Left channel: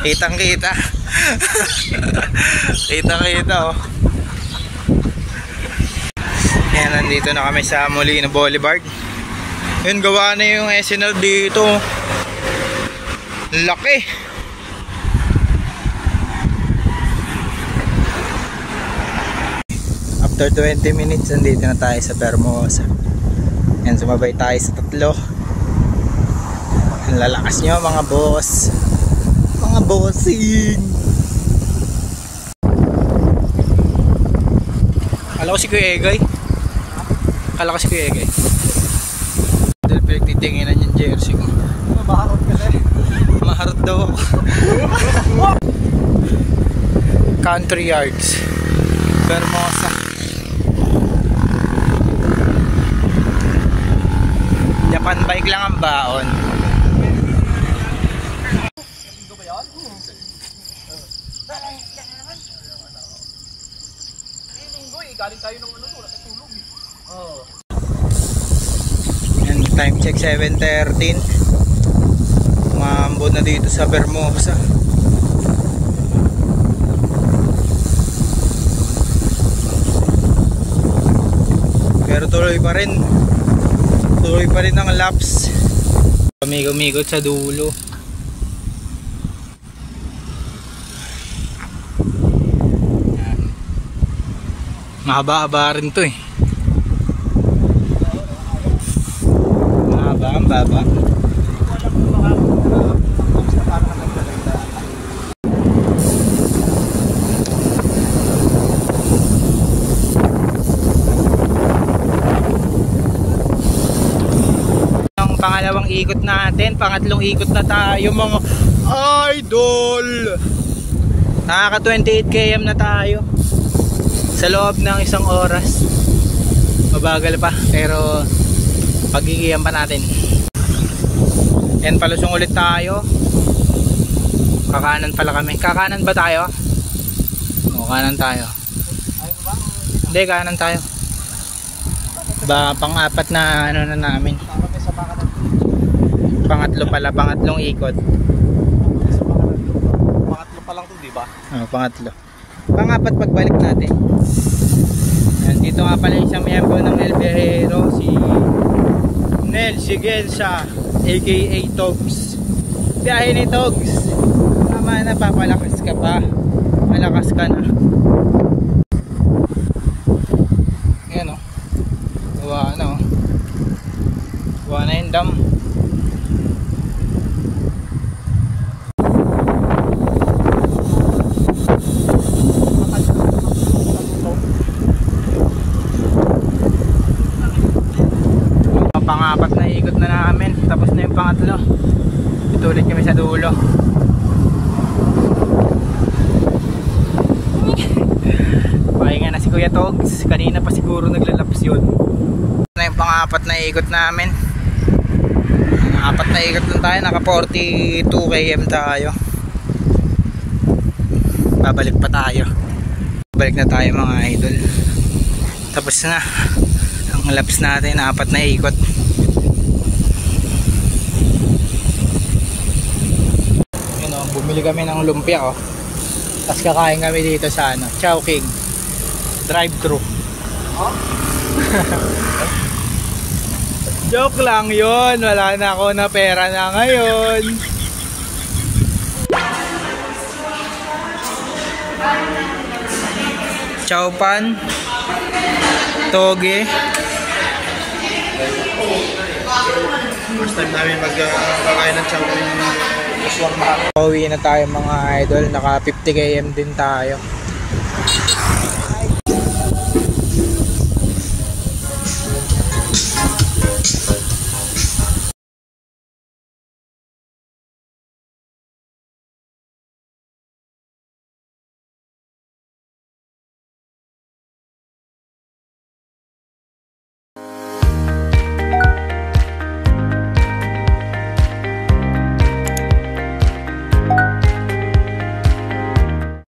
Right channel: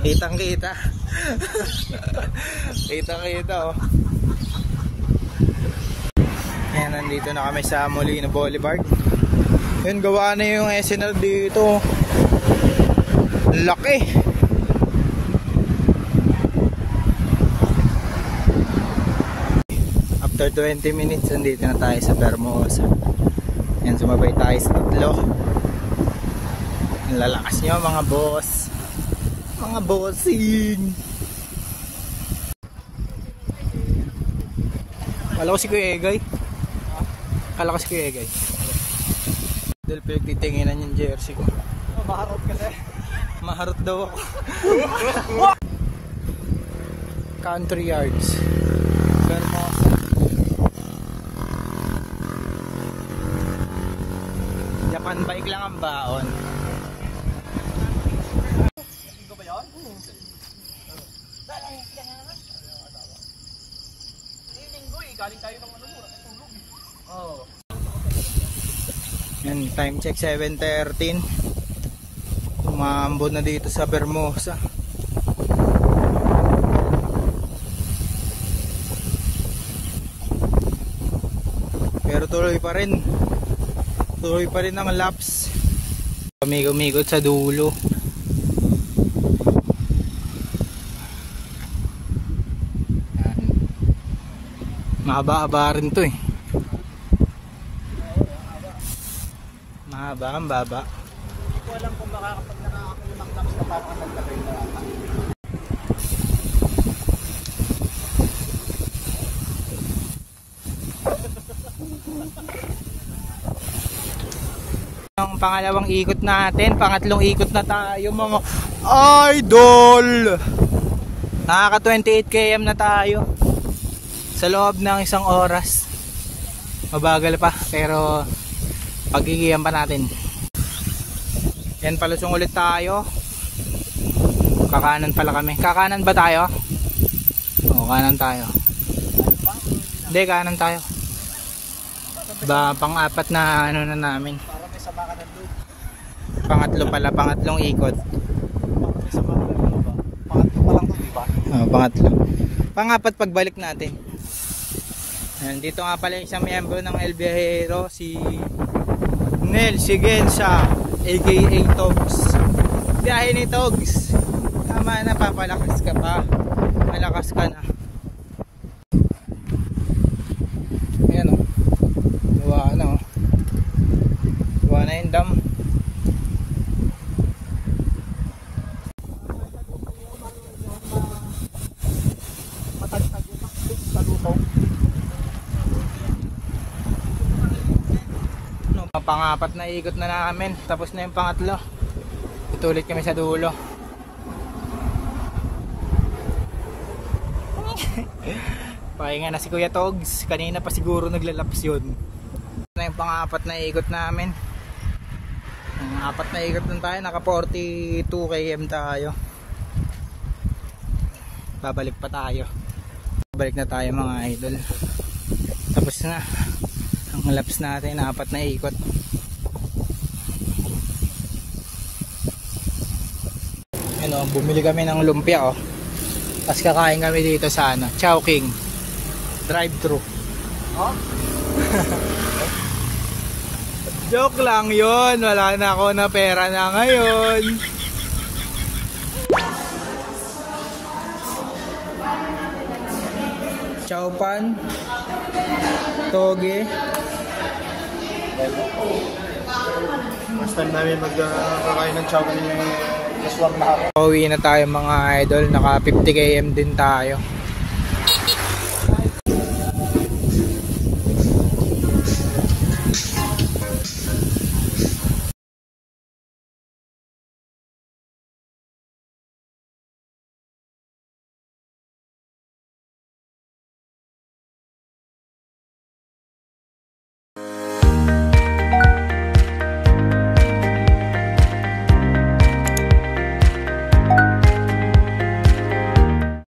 Kitang kita. Kitang kita oh. Ayan, nandito na kami sa Molino Boulevard. Yun, gawa na yung SNL dito. Laki. After 20 minutes, nandito na tayo sa Vermosa. Yan, sumabay tayo sa tatlo. Ang lalakas nyo mga boss. Mga bossing. Kala ko si Kuya Egay. Kala ko si Kuya Egay. Dahil pinagtitinginan yung jersey ko. Maharot kasi. Maharot daw ako. Country Yards, Vermosa. Japan bike lang ang baon. Galing tayo ng ano, wala tayong tulog. Oo. Yan, time check 7:13. Maambon na dito sa Vermosa. Pero tuloy pa rin. Tuloy pa rin ang laps. Kami umikot sa dulo. Mahaba-haba rin to eh. Mahaba, ang baba. Ang pangalawang ikot natin, pangatlong ikot na tayo mga idol. Nakaka 28 km na tayo sa loob ng isang oras. Mabagal pa pero pagigihan pa natin. Yan, palusong ulit tayo. Kakanan pala kami. Kakanan ba tayo? Oo, kanan tayo. Hindi, kanan tayo. Ba, pang-apat na ano na namin. Pangatlo pala, pangatlong ikot. Pangatlo pa lang to, diba? Pangatlo. Pangapat pagbalik natin. Yan, dito nga pala isang miyembro ng El Viajero, si Nel Sigensa, aka Togs. Biyahe ni Togs. Tama na, papalakas ka pa. Malakas ka na. Yan o. Gawa na o. Gawa na yung dam. Pangapat na ikot na namin, tapos na yung pangatlo. Ito ulit kami sa dulo. Pahinga na si Kuya Togs. Kanina pa siguro naglalaps yun. Ito na yung pangapat na ikot namin. Apat na ikot lang tayo, naka 42 km tayo. Babalik pa tayo. Balik na tayo mga idol. Tapos na ang laps natin, apat na ikot. Yun o, bumili kami ng lumpia o. Tapos kakain kami dito sa ano, Chowking drive-thru. Oh? Joke lang yun, wala na ako na pera na ngayon. Chowpan, toge. First time namin magkakain ng chowking ng Aswang Mahal. Pauwi na tayo mga idol, naka 50 km din tayo.